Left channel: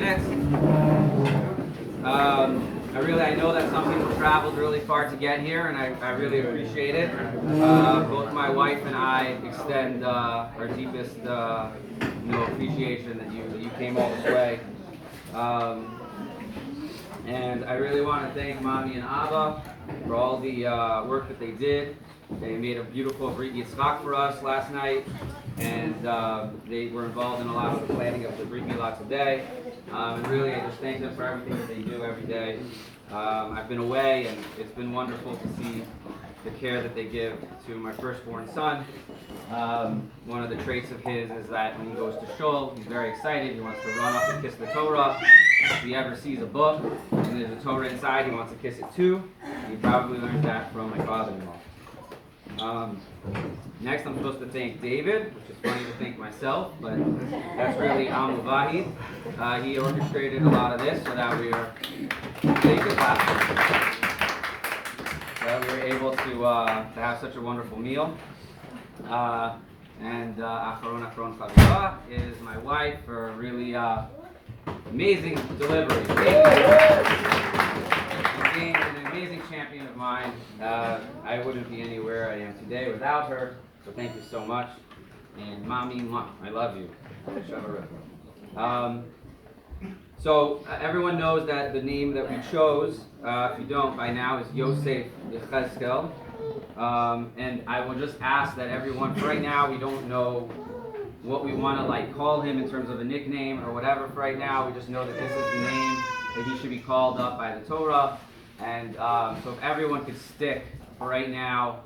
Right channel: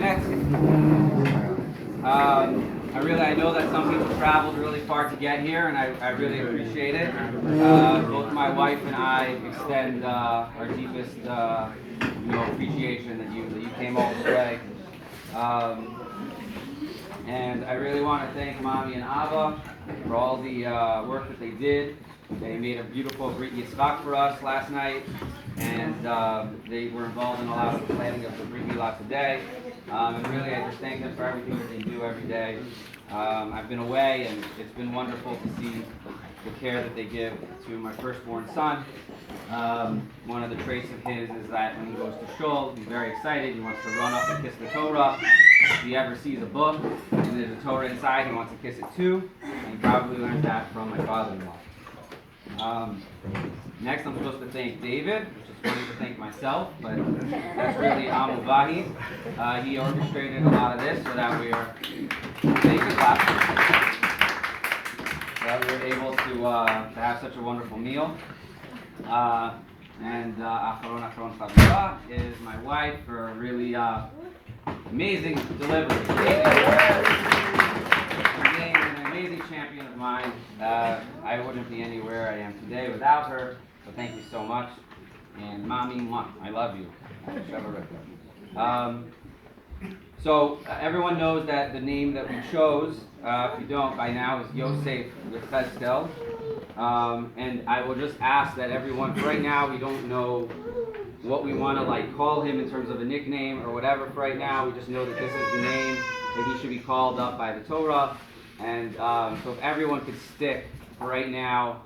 minutes. I know that some people traveled really far to get here, and I really appreciate it. Both my wife and I extend our deepest appreciation that you came all this way. And I really want to thank Mommy and Abba for all the work that they did. They made a beautiful Brit Milah for us last night, and they were involved in a lot of the planning of the Brit Milah today. And really, I just thank them for everything that they do every day. I've been away, and it's been wonderful to see the care that they give to my firstborn son. One of the traits of his is that when he goes to shul, he's very excited. He wants to run up and kiss the Torah. If he ever sees a book and there's a Torah inside, he wants to kiss it too. And he probably learned that from my father-in-law. Next, I'm supposed to thank David, which is funny to thank myself, but that's really Amuvahi. He orchestrated a lot of this so that we are able to have such a wonderful meal. And Acharon Chavira is my wife for a really amazing delivery. An amazing champion of mine. I wouldn't be anywhere I am today without her, so thank you so much. And Mommy, I love you. So everyone knows that the name that we chose, if you don't by now, is Yosef Yechezkel. And I will just ask that everyone, for right now, we don't know what we want to call him in terms of a nickname or whatever. For right now, we just know that this is the name that he should be called up by the Torah. And so if everyone could stick for right now,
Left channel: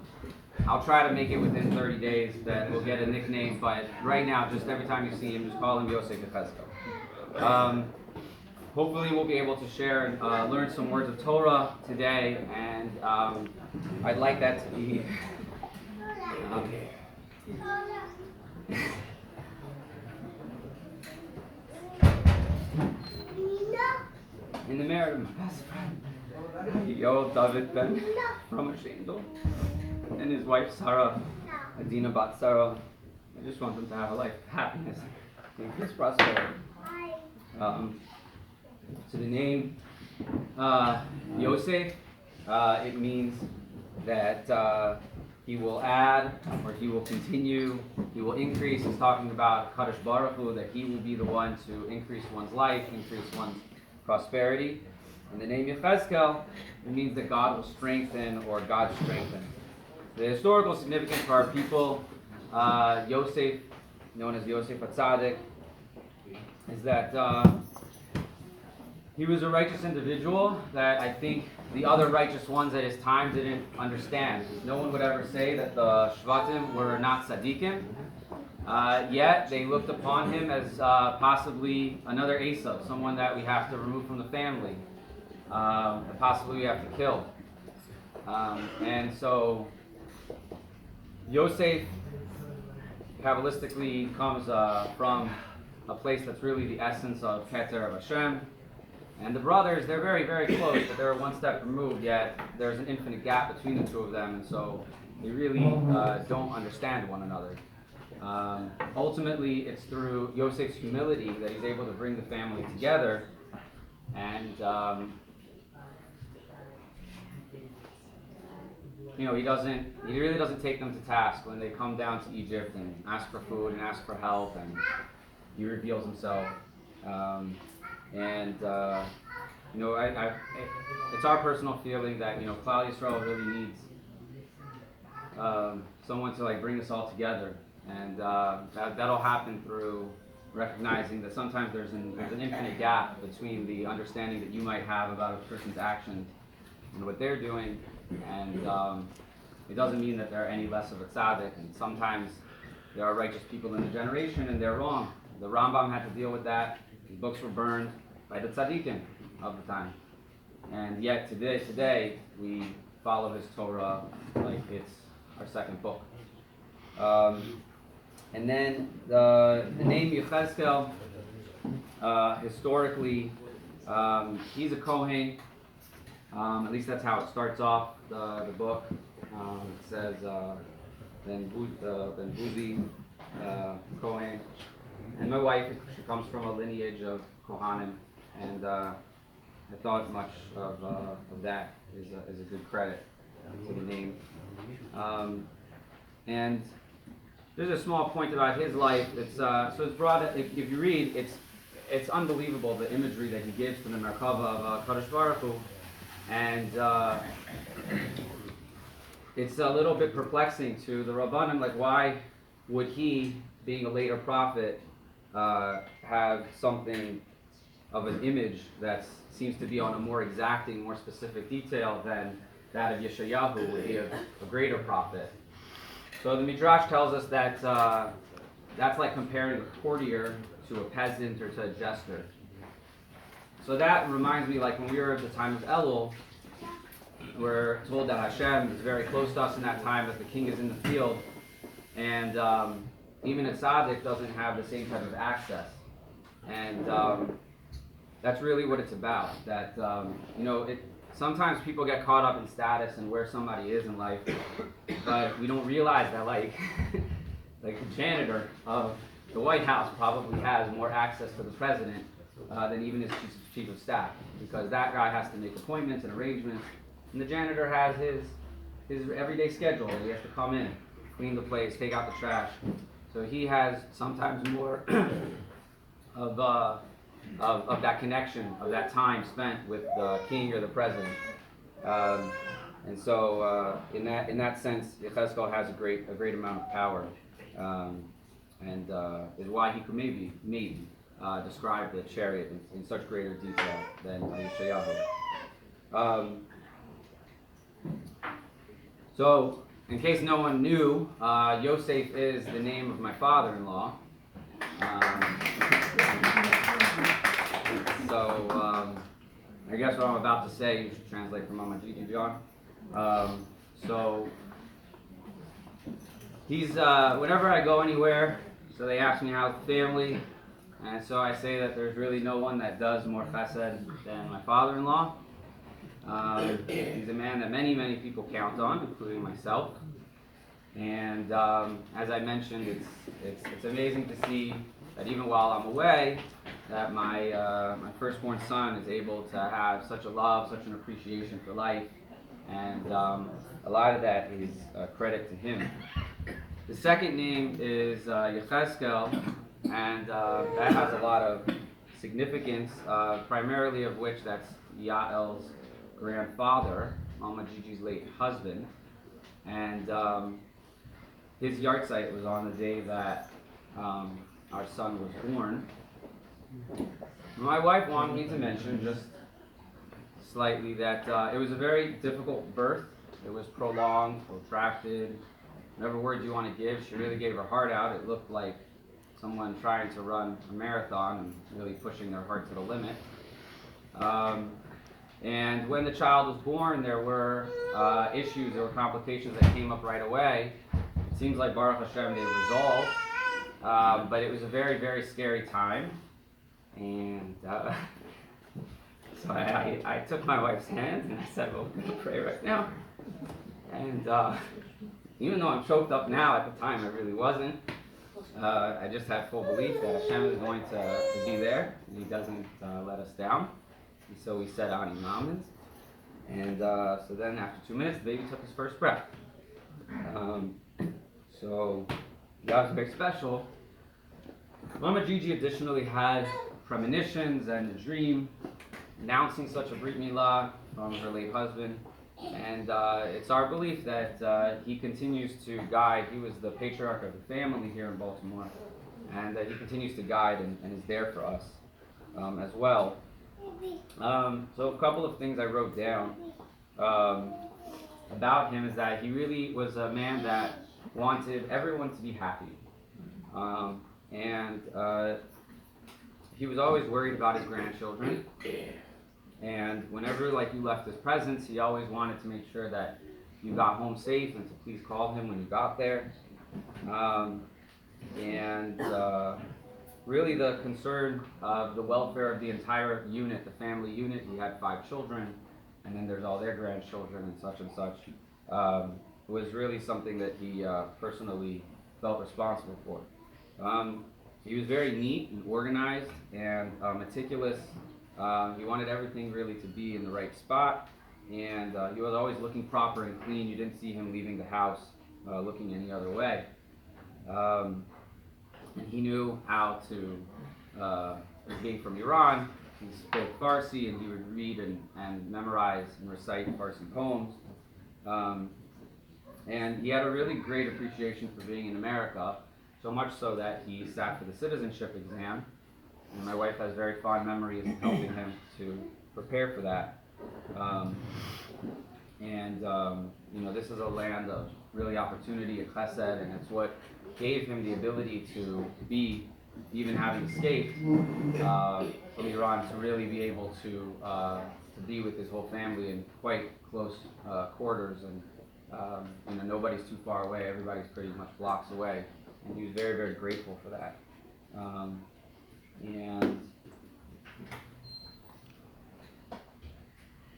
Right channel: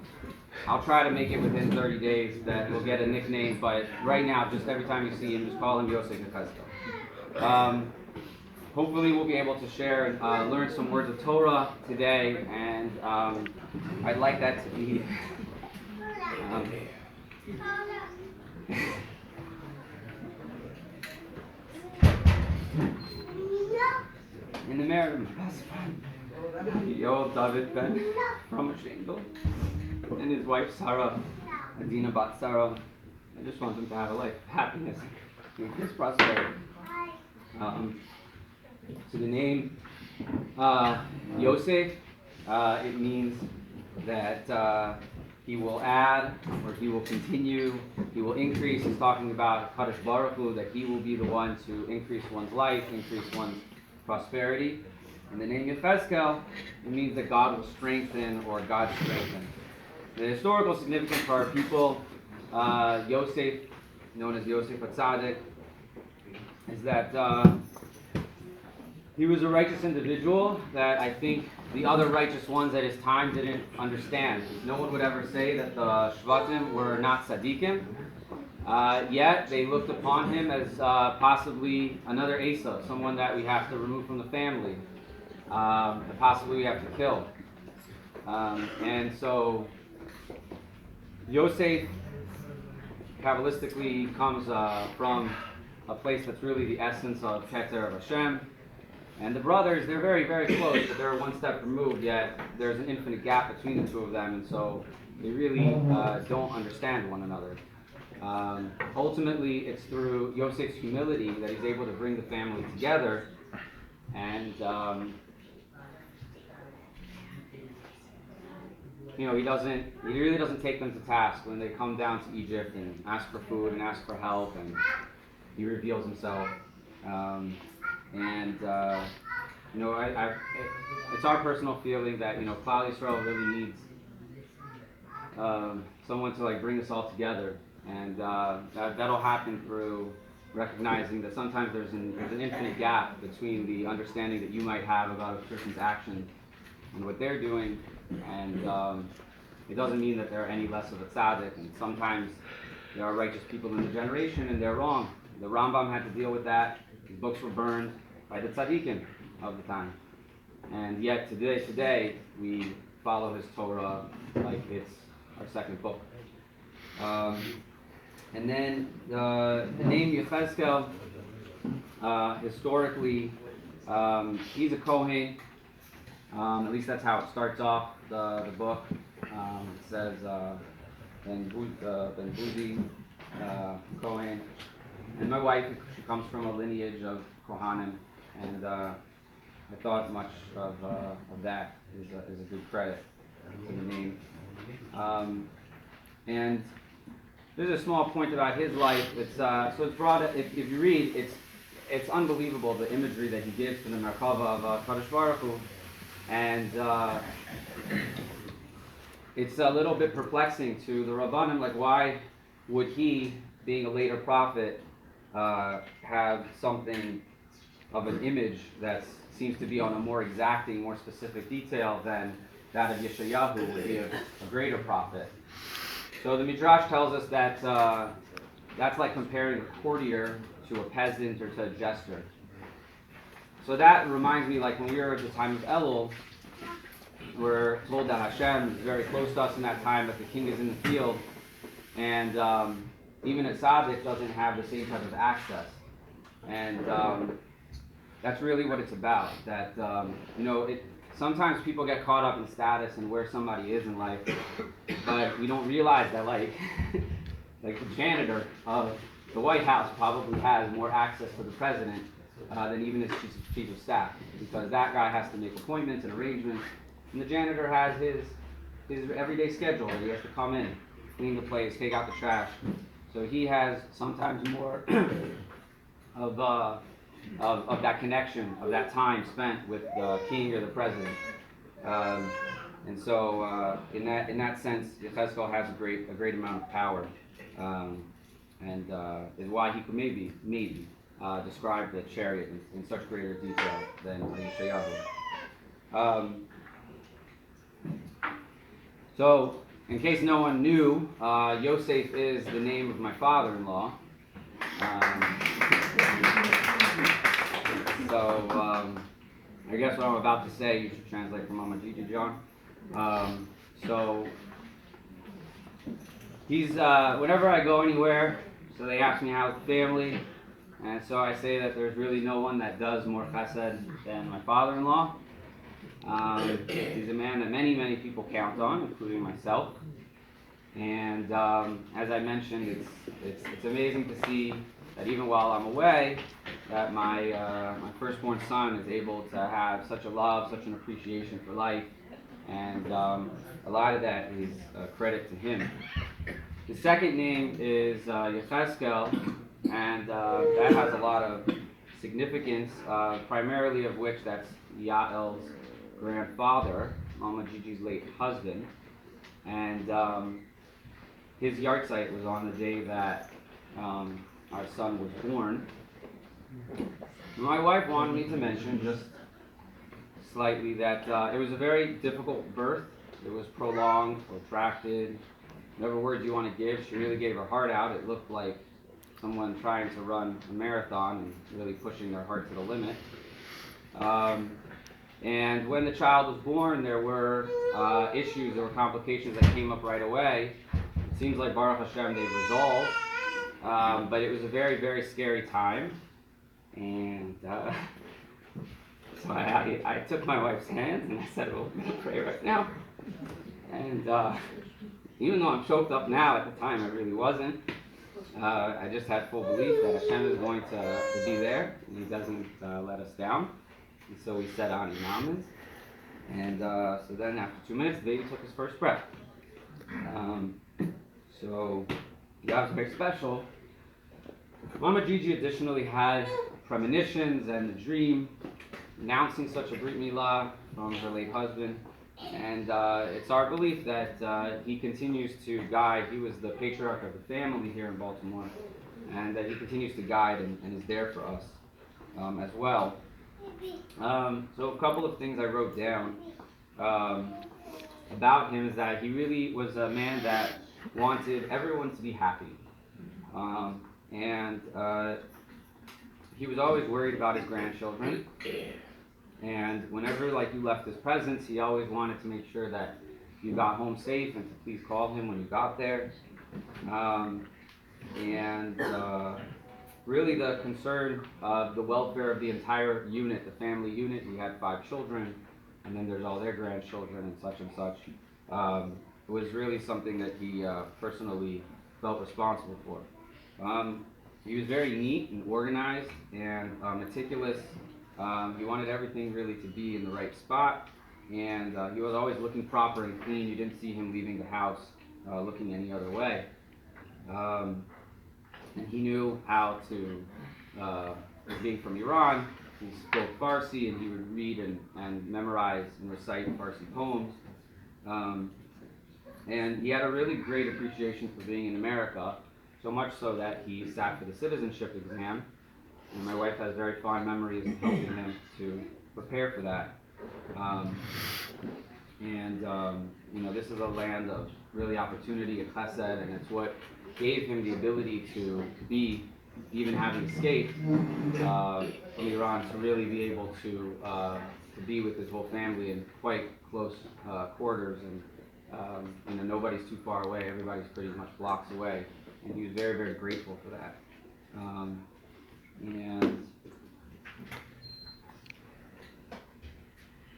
I'll try to make it within 30 days that we'll get a nickname, but right now, just every time you see him, just call him Yosef Yechezkel. Hopefully we'll be able to share and learn some words of Torah today, and I'd like that to be in the merit of my best friend, Tevet from Shendel, and his wife Sarah, Adina Bat Sarah. I just want them to have a life of happiness and peace, prosperity. So the name Yosef, it means that he will add, or he will continue, he will increase. He's talking about Kadosh Baruch Hu, that he will be the one to increase one's life, increase one's prosperity. And the name Yechezkel, it means that God will strengthen, or God strengthen. The historical significance for our people, Yosef, known as Yosef HaTzadik, is that he was a righteous individual that I think the other righteous ones at his time didn't understand. No one would ever say that the Shvatim were not tzaddikim, yet they looked upon him as possibly another Esav, someone that we have to remove from the family, and possibly we have to kill. And so Yosef Kabbalistically comes from a place that's really the essence of Keter of Hashem. And the brothers, they're very, very close, but they're one step removed, yet there's an infinite gap between the two of them, and so they really don't understand one another. Ultimately, it's through Yosef's humility that he's able to bring the family together, and he really doesn't take them to task when they come down to Egypt and ask for food and ask for help, and he reveals himself. It's our personal feeling that Klal Yisrael really needs someone to bring us all together, and that'll happen through recognizing that sometimes there's an infinite gap between the understanding that you might have about a person's actions and what they're doing, and it doesn't mean that they're any less of a tzaddik. And sometimes there are righteous people in the generation and they're wrong. The Rambam had to deal with that. His books were burned by the tzaddikim of the time. And yet today we follow his Torah like it's our second book. And then the name Yechezkel, historically, he's a Kohen. At least that's how it starts off the book. It says Ben Buzi Kohen. And my wife, she comes from a lineage of Kohanim, and I thought much of that is a good credit to the name. And there's a small point about his life. It's it's brought. If you read, it's unbelievable the imagery that he gives to the Merkava of Kadosh Baruch Hu, and it's a little bit perplexing to the Rabbanim. Like, why would he, being a later prophet, have something of an image that seems to be on a more exacting, more specific detail than that of Yeshayahu, who would be a greater prophet? So the Midrash tells us that that's like comparing a courtier to a peasant or to a jester. So that reminds me, like when we were at the time of Elul, we're told that Hashem is very close to us in that time, that the king is in the field, and even a tzaddik doesn't have the same type of access. And that's really what it's about. That sometimes people get caught up in status and where somebody is in life, but we don't realize that like the janitor of the White House probably has more access to the president than even his chief of staff, because that guy has to make appointments and arrangements, and the janitor has his everyday schedule. He has to come in, clean the place, take out the trash. So he has sometimes more of that connection, of that time spent with the king or the president. And so in that sense, Yechezkel has a great amount of power, and is why he could maybe describe the chariot in such greater detail than Yeshayahu. So, in case no one knew, Yosef is the name of my father-in-law. I guess what I'm about to say, you should translate from Mama Gigi John. So he's, whenever I go anywhere, so they ask me how's the family, and so I say that there's really no one that does more chesed than my father-in-law. He's a man that many people count on, including myself. And as I mentioned, it's amazing to see that even while I'm away, that my firstborn son is able to have such a love, such an appreciation for life, and a lot of that is credit to him. The second name is Yechezkel, and that has a lot of significance, primarily of which that's Yael's grandfather, Mama Gigi's late husband, and his yahrzeit was on the day that our son was born. My wife wanted me to mention just slightly that it was a very difficult birth. It was prolonged, protracted, whatever words you want to give. She really gave her heart out. It looked like someone trying to run a marathon and really pushing their heart to the limit. And when the child was born, there were issues or complications that came up right away. It seems like Baruch Hashem they resolved, but it was a very scary time. And so I took my wife's hand and I said, well, we're going to pray right now. And even though I'm choked up now, at the time I really wasn't. I just had full belief that Hashem is going to be there, and He doesn't let us down. And so we said Ani Mamas. And so then after 2 minutes, the baby took his first breath. So that was very special. Mama Gigi additionally had premonitions and a dream announcing such a Brit Milah from her late husband. And it's our belief that he continues to guide. He was the patriarch of the family here in Baltimore, and that he continues to guide and is there for us as well. So a couple of things I wrote down about him is that he really was a man that wanted everyone to be happy. And he was always worried about his grandchildren. And whenever you left his presence, he always wanted to make sure that you got home safe and to please call him when you got there. Really the concern of the welfare of the entire unit, the family unit. He had 5 children, and then there's all their grandchildren and such, was really something that he personally felt responsible for. he was very neat and organized and meticulous. He wanted everything really to be in the right spot, and he was always looking proper and clean. You didn't see him leaving the house looking any other way. And he knew how to, being from Iran, he spoke Farsi, and he would read and memorize and recite Farsi poems. And he had a really great appreciation for being in America, so much so that he sat for the citizenship exam. And my wife has very fond memories of helping him to prepare for that. This is a land of really opportunity, a chesed, and it's what gave him the ability to be, even having escaped from Iran, to really be able to be with his whole family in quite close quarters, and nobody's too far away, everybody's pretty much blocks away, and he was very, very grateful for that. And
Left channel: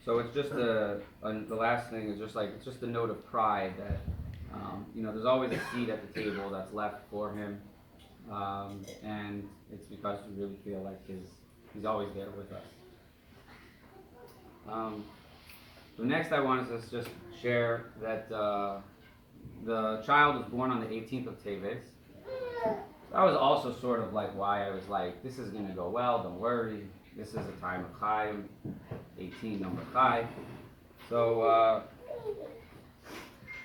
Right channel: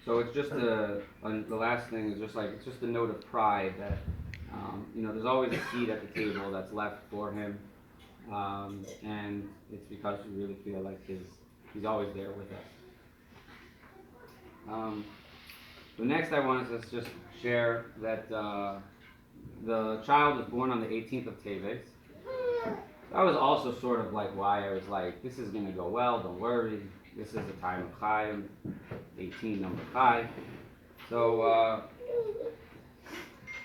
so it's just the last thing is just like, it's just a note of pride that, there's always a seat at the table that's left for him, and it's because we really feel like he's always there with us. So next I wanted to just share that the child was born on the 18th of Tevet. That was also sort of like why I was like, this is going to go well, don't worry. This is a time of Chaim, 18 number Chai. So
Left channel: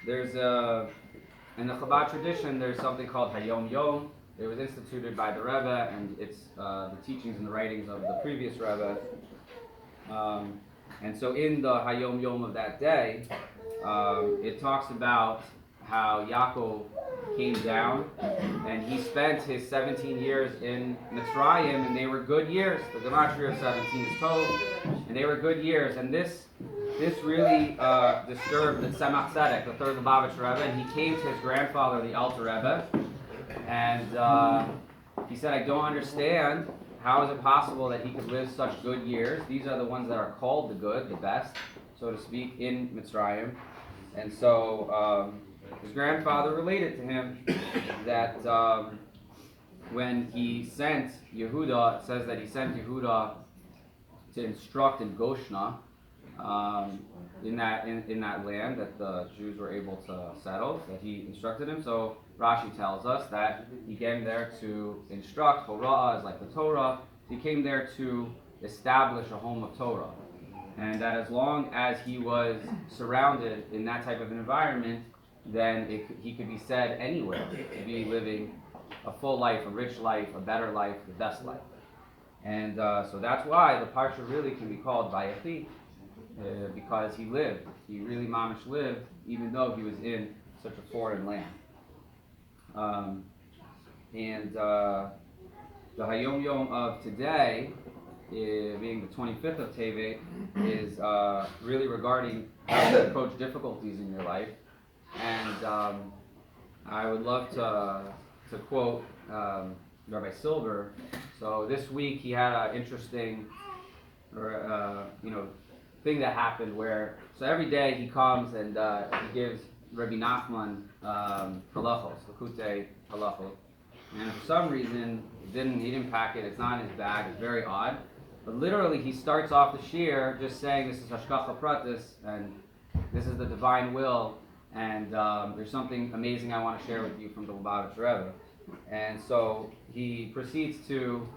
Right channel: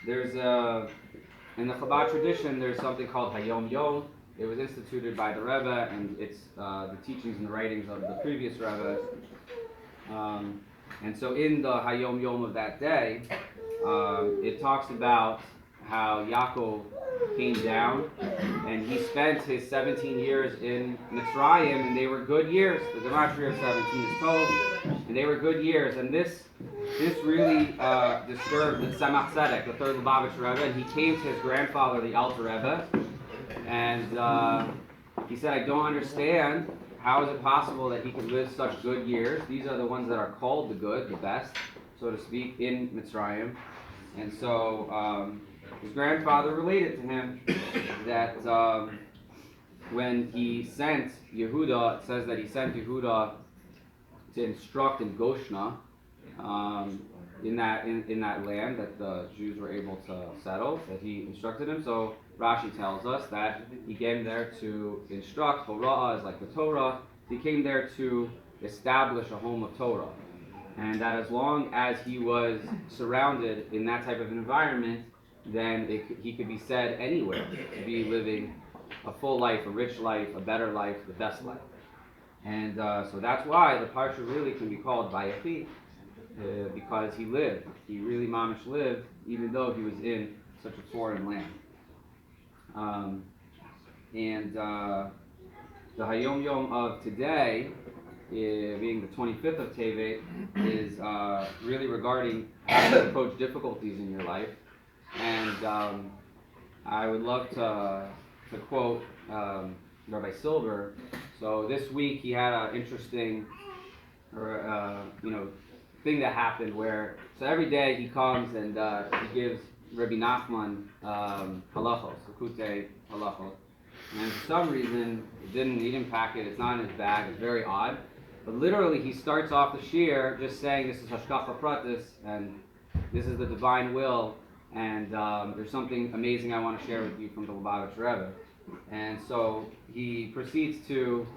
there's in the Chabad tradition, there's something called Hayom Yom. It was instituted by the Rebbe, and it's the teachings and the writings of the previous Rebbe. And so in the Hayom Yom of that day, it talks about how Yaakov came down, and he spent his 17 years in Mitzrayim, and they were good years. The Gematria of 17 is told, and they were good years. And this really disturbed the Tzemach Tzedek, the third Lubavitch Rebbe, and he came to his grandfather, the Alter Rebbe, and he said, I don't understand, how is it possible that he could live such good years? These are the ones that are called the good, the best, so to speak, in Mitzrayim. And so his grandfather related to him that when he sent Yehuda, it says that he sent Yehuda to instruct in Goshna, in that land that the Jews were able to settle, that he instructed him. So Rashi tells us that he came there to instruct. Torah is like the Torah. He came there to establish a home of Torah, and that as long as he was surrounded in that type of environment, then he could be said anywhere to be living a full life, a rich life, a better life, the best life. And so that's why the parsha really can be called Vayechi, because he lived. He really mamish lived, even though he was in such a foreign land. The Hayom Yom of today, being the 25th of Tevet, is really regarding how to approach difficulties in your life. And I would love to quote Rabbi Silver. So this week he had an interesting, thing that happened where, so every day he comes and he gives Rabbi Nachman halachos, Lakutei halachos. And for some reason, he didn't pack it, it's not in his bag, it's very odd. But literally he starts off the shir just saying this is Hashkacha Pratis, and this is the divine will, and there's something amazing I want to share with you from the Lubavitch Rebbe. And so he proceeds to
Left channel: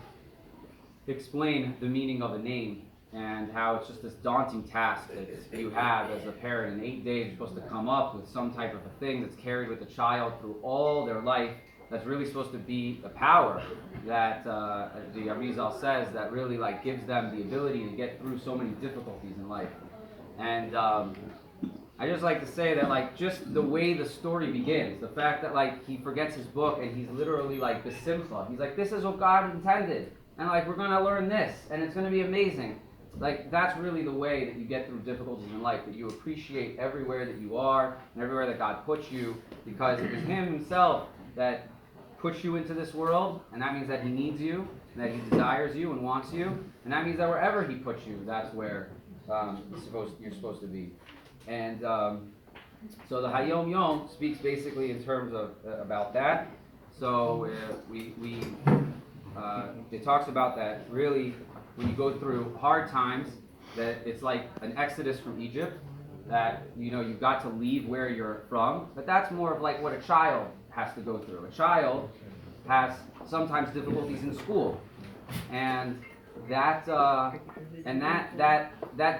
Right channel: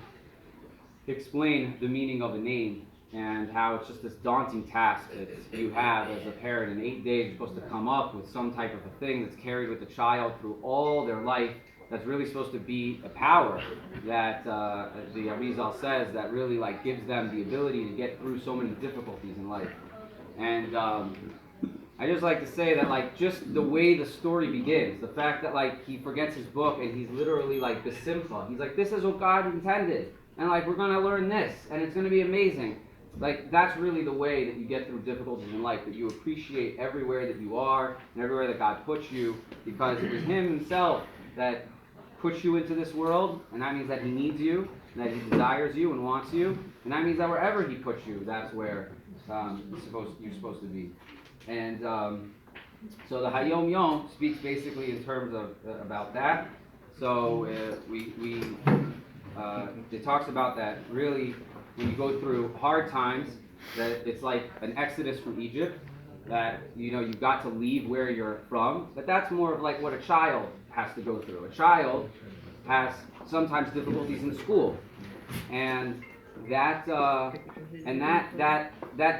explain the meaning of a name, and how it's just this daunting task that you have as a parent. In 8 days you're supposed to come up with some type of a thing that's carried with the child through all their life, that's really supposed to be a power that the Arizal says that really like gives them the ability to get through so many difficulties in life. And I just like to say that like just the way the story begins, the fact that like he forgets his book and he's literally like the simcha. He's like, this is what God intended, and like we're gonna learn this, and it's gonna be amazing. Like that's really the way that you get through difficulties in life, that you appreciate everywhere that you are and everywhere that God puts you, because it is Him Himself that puts you into this world, and that means that He needs you, and that He desires you and wants you, and that means that wherever He puts you, that's where you're supposed to be. And so the Hayom Yom speaks basically in terms of about that. So we it talks about that really when you go through hard times, that it's like an exodus from Egypt, that you've got to leave where you're from, but that's more of like what a child has to go through. A child has sometimes difficulties in school, and that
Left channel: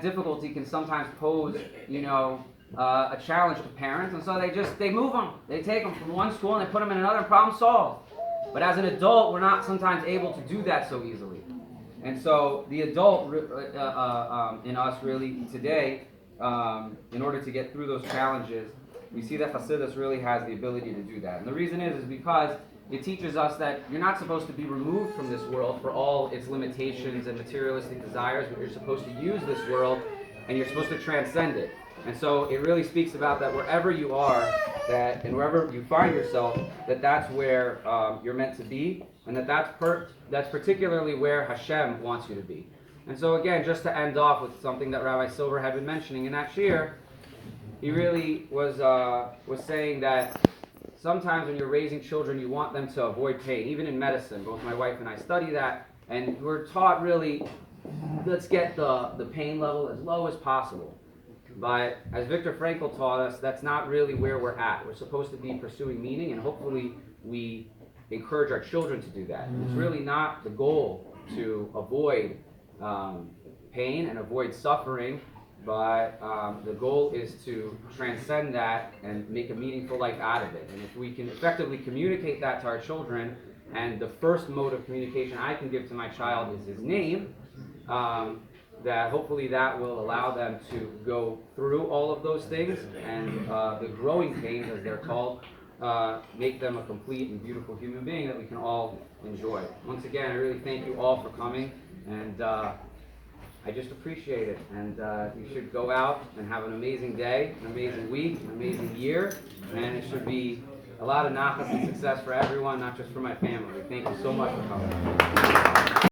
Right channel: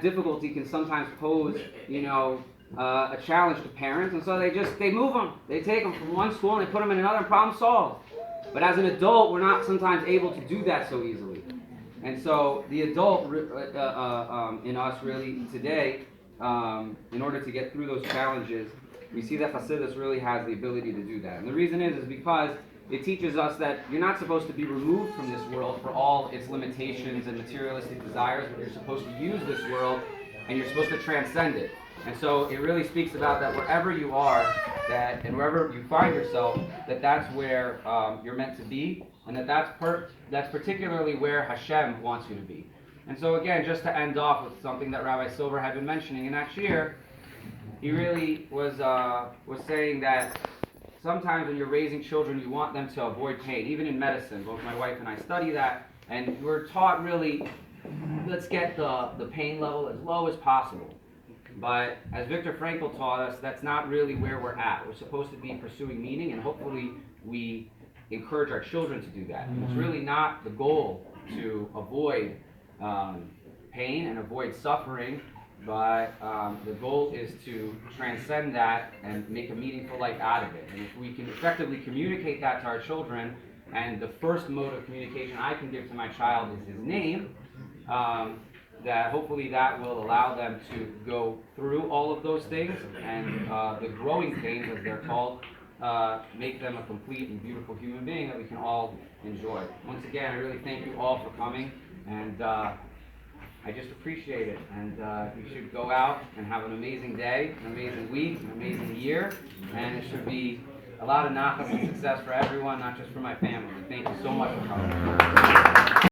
difficulty can sometimes pose a challenge to parents, and so they move them, they take them from one school and they put them in another, and problem solved. But as an adult, we're not sometimes able to do that so easily. And so the adult in us really today, in order to get through those challenges, we see that Hasidus really has the ability to do that. And the reason is because it teaches us that you're not supposed to be removed from this world for all its limitations and materialistic desires, but you're supposed to use this world and you're supposed to transcend it. And so it really speaks about that wherever you are, and wherever you find yourself, that's where you're meant to be, and that's particularly where Hashem wants you to be. And so again, just to end off with something that Rabbi Silver had been mentioning in that year, he really was saying that sometimes when you're raising children, you want them to avoid pain. Even in medicine, both my wife and I study that, and we're taught really, let's get the pain level as low as possible. But as Viktor Frankl taught us, that's not really where we're at. We're supposed to be pursuing meaning, and hopefully we encourage our children to do that. It's really not the goal to avoid pain and avoid suffering, but the goal is to transcend that and make a meaningful life out of it. And if we can effectively communicate that to our children, and the first mode of communication I can give to my child is his name, that hopefully that will allow them to go through all of those things, and the growing pains, as they're called, make them a complete and beautiful human being that we can all enjoy. Once again, I really thank you all for coming, and I just appreciate it. And you should go out and have an amazing day, an amazing week, an amazing year, and it should be a lot of nachas and success for everyone, not just for my family. Thank you so much for coming.